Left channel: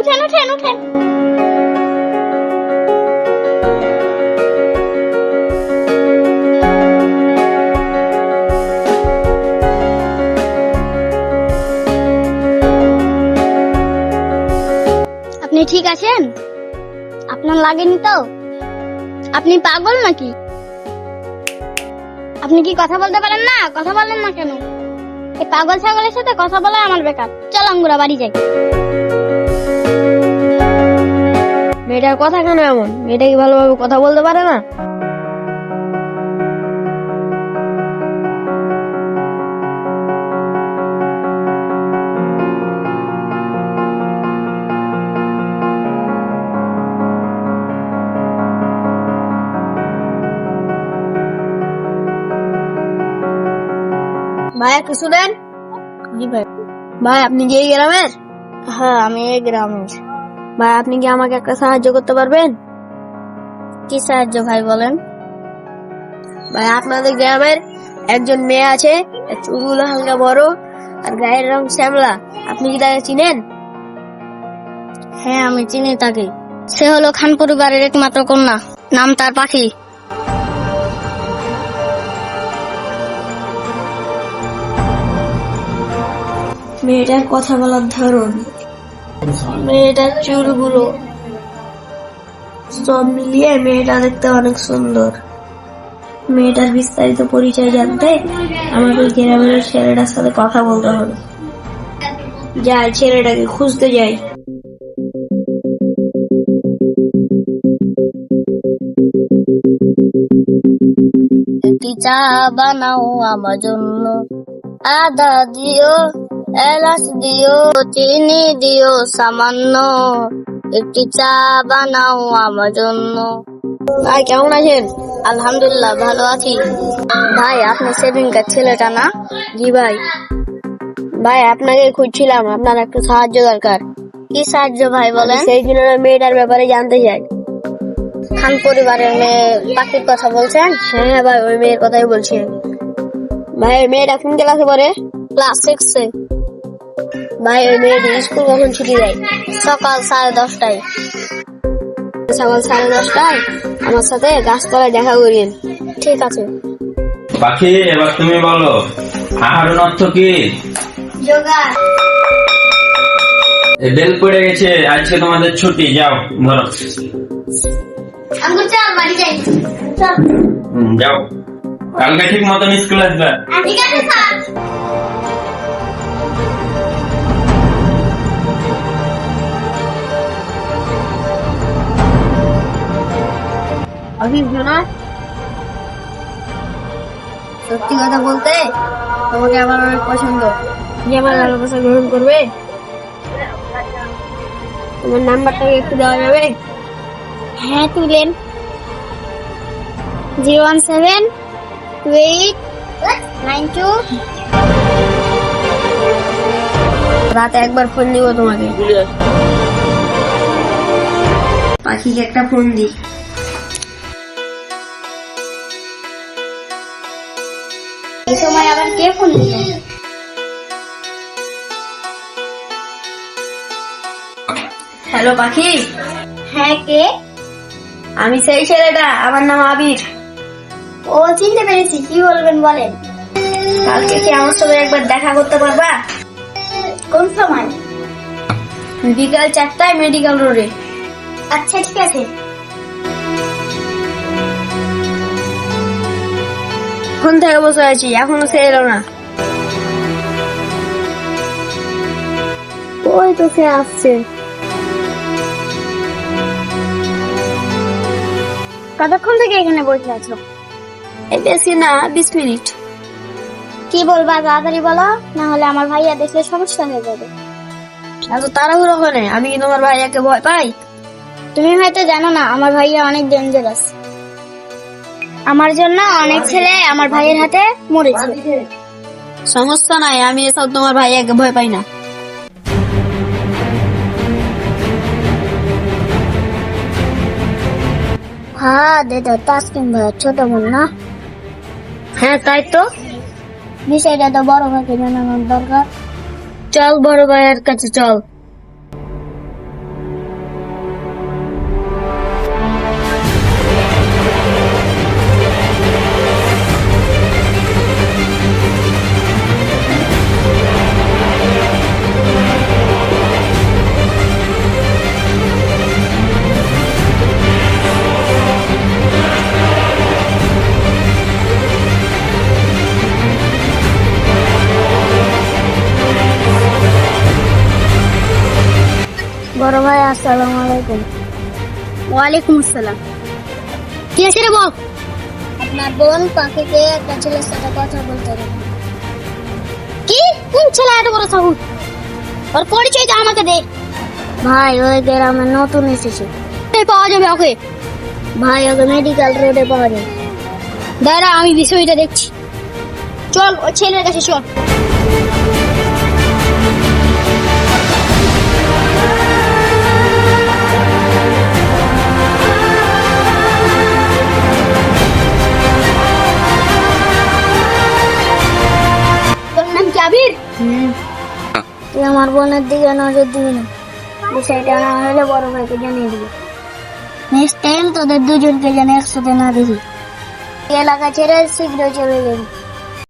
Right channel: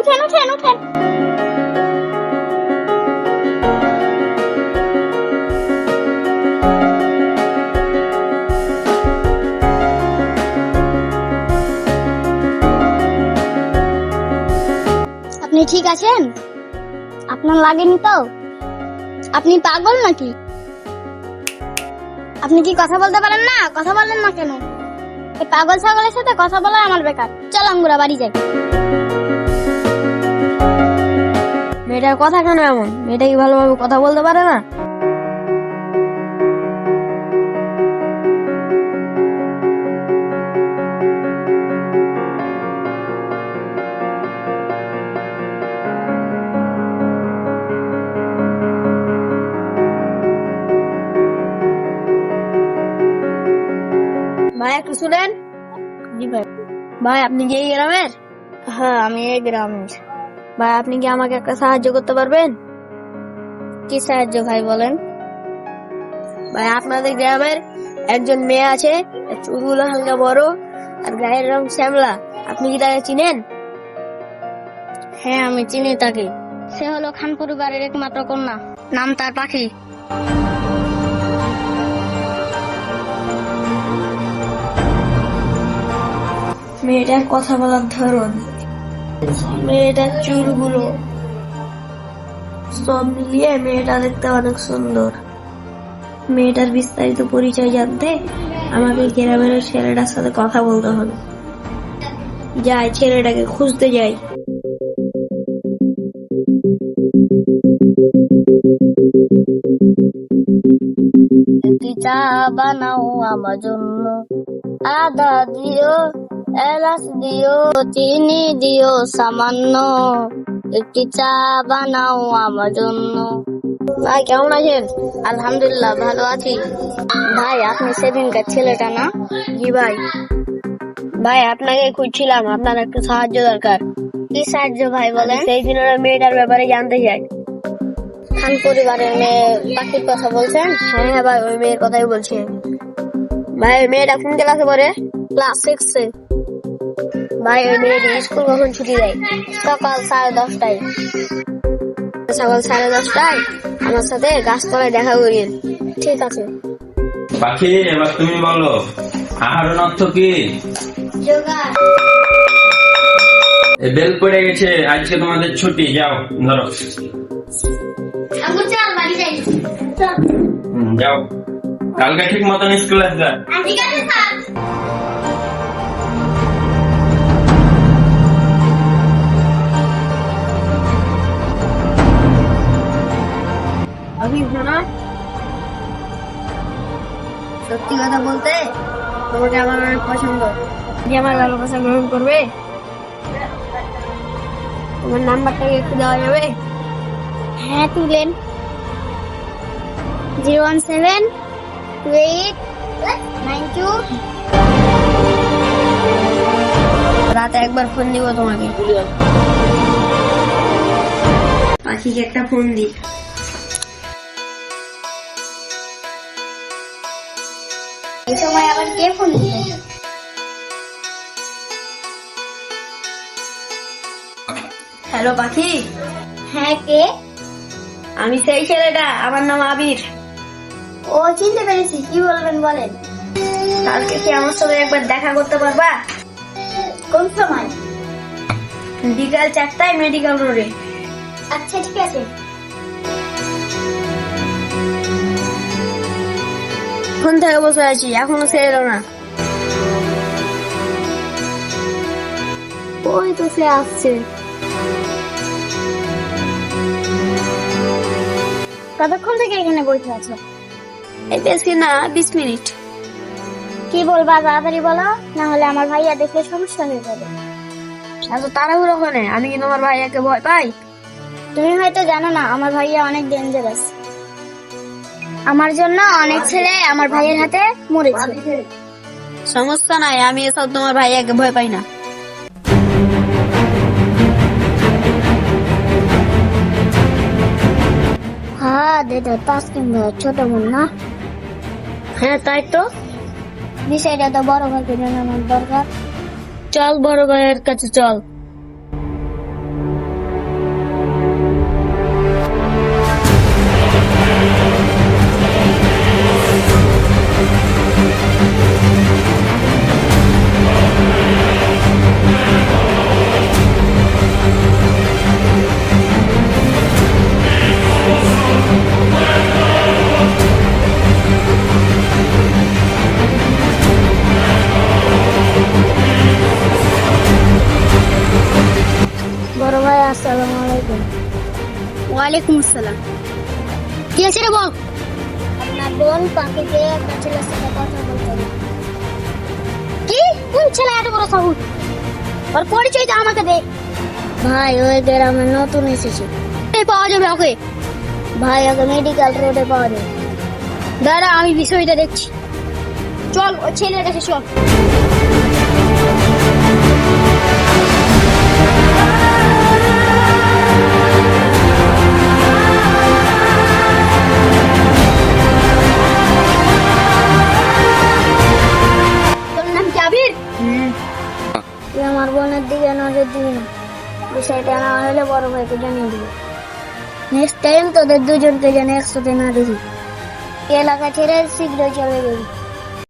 উঠেন উঠেন উঠেন। আপনি ঠিক আছেন? আপনার লাগেনি তো? আপনি পাগল নাকি? আপনি কি কথা বলতে পারেন না? কথা বলেন না কেন? এই পাগল ছাগলের সাথে কথা বলা আমার বেকার। চল আমরা বাড়ি যাই। মেয়েটার কথা কেন এমন? মেয়েটা কি ভালোভাবে কথা বলতে পারে না? ভাই একটু শুনেন। জি ভাই। ভাই আপনি কি এই গ্রামের? হ্যাঁ আমি এই গ্রামের। ভাই আপনি কি আমাকে একটা সাহায্য করতে পারবেন? কি সাহায্য ভাই বলেন? ভাই আপনাদের গ্রামের একজন মেয়ে আছে, চুলগুলো হালকা বড় আর গায়ের রং শ্যামলা, আপনি কি তাকে চিনেন? হ্যাঁ আমি চিনি তাকে। সে হলো খান পরিবারের একমাত্র কন্যা, নাম তার পাখি। মেয়েটার কথা বলার ধরন, মেয়েটার চুলগুলো, সব মিলিয়ে মেয়েটা দেখতে অনেক সুন্দর। মেয়েটার বিস্তারিত পরিচয় জানতে আমাদের গ্রামের ছেলেটার সাথে কথা বলতে হবে। যাই ছেলেটাকে খুঁজতে যাই। একটি চা বানাও আমার জন্য, আদা দিও, এলাচ দিও, চিনি দিও সামান্য। একটি চা বানাও আমার জন্য। ভাই কেমন আছেন? আলহামদুলিল্লাহ ভালো আছি। ভাই আপনি সেদিনকার ছেলেটা না? জি ভাই। ভাই আপনাকে খুঁজছিলাম, আপনার একটু সাহায্য দরকার। কি সাহায্য ভাই বলেন? সেই দিনের ওই মেয়েটার ব্যাপারে জানতে চাই। খান পরিবারের মেয়ে পাখির কথা বলছেন? হ্যাঁ ভাই ওই মেয়ের কথাই বলছি। ভাই ওই মেয়েটা কোন ক্লাসে পড়ে? ক্লাস 6 এ। ভাই ওই মেয়েটির স্কুল কখন ছুটি দেয়? সকাল 10:30টায়। সকাল 10:30টায় আমার সাথে গাছতলায় দেখা করিয়েন। ঠিক আছে। পাখি এবার তুমি বলো, আহরণ অর্থ কি? জোগাড়। বেল পড়ে গেছে, আজকে তোমাদের ছুটি, যাও ধরো। আঙ্গুল চল বাড়ি যাই। চল। যাও, কালকে ঠিক মতন স্কুল আসবে। ঠিক আছে স্যার। অভিজ্ঞ না? সত্যি কথা বলতে তোমাকে আমার অনেক পছন্দ। তুমি আমার ভালোবাসা গ্রহণ করবে? তোমার নাম্বারটাকে একটু দেওয়া যাবে? হ্যাঁ তুলেন। 0172892। রাতে একবার ফোন দিব তোমাকে। পাখিকে একটা ফোন দিই। এই সময় আবার কে ফোন দিলেন? হ্যালো পাখি। হ্যাঁ কে? আমি সেই ছেলেটা, আমার নাম আবির। ও চিনতে পেরেছি, কি বলবেন বলেন। কালকে কি আমার সাথে একবার দেখা করতে পারবা? কোন সময়? বিকাল 4টায় মেডিকেল রোডে। আচ্ছা ঠিক আছে। ফোন থেকে বসে আছি, এখনো সে এলো না। ওই তো সে আসছে। কতক্ষণ থেকে এখানে বসে আছো? বেশি না, 20 মিনিট। কি বলবা তাড়াতাড়ি বলো, না হলে আমার ভাইয়া দেখলে সমস্যা হয়ে যাবে। এত তাড়াহুড়ো করে? আমি কি তোমার ভাইয়াকে ভয় পাই? তুমি হয়তো জানো না আমার ভাইয়া অনেক ডেঞ্জারাস। আমার জন্য অনেক ছেলে আমার ভাইয়ের হাতে মরেছে। সমস্যা নাই, আমি এসব তোমার ভাইয়াকে ভয় পাই না। হ্যাঁ দাদা, তাসকিন ভাইয়ের ছোট বোন না? হ্যাঁ তাই তো। বিষয়টা তো বড় ভাইকে জানানোর দরকার। চল বড় ভাইয়ের কাছে চল। আসসালামু আলাইকুম। ওয়ালাইকুম আসসালাম। কি আছে রে বল? আপনার বোন পাখিকে একটা ছেলের সাথে কথা বলতে হবে। কি? কোন ছেলে এত বড় সাহস? ওর পরিচয়টা আমাকে দে। ভাই ওই গ্রামে নতুন এসেছে। কোথায় পাওয়া যাবে ওকে? ভাই ওকে মেডিকেল রোডে পাওয়া যাবে। দাঁড়া আমি বিষয়টা দেখছি। চল ওই ছেলের কাছে চল। তোর নাম কি আবির? তুই আমার বোনের দিকে নজর দিবি না। বিষয়টা না হলে বড় ভাইকে জানিয়ে দিবি। নেক্সট টাইম তোদের দুজনকে যেন একসাথে না দেখি। এলাকা ছেড়ে শীঘ্র চলে যাবি।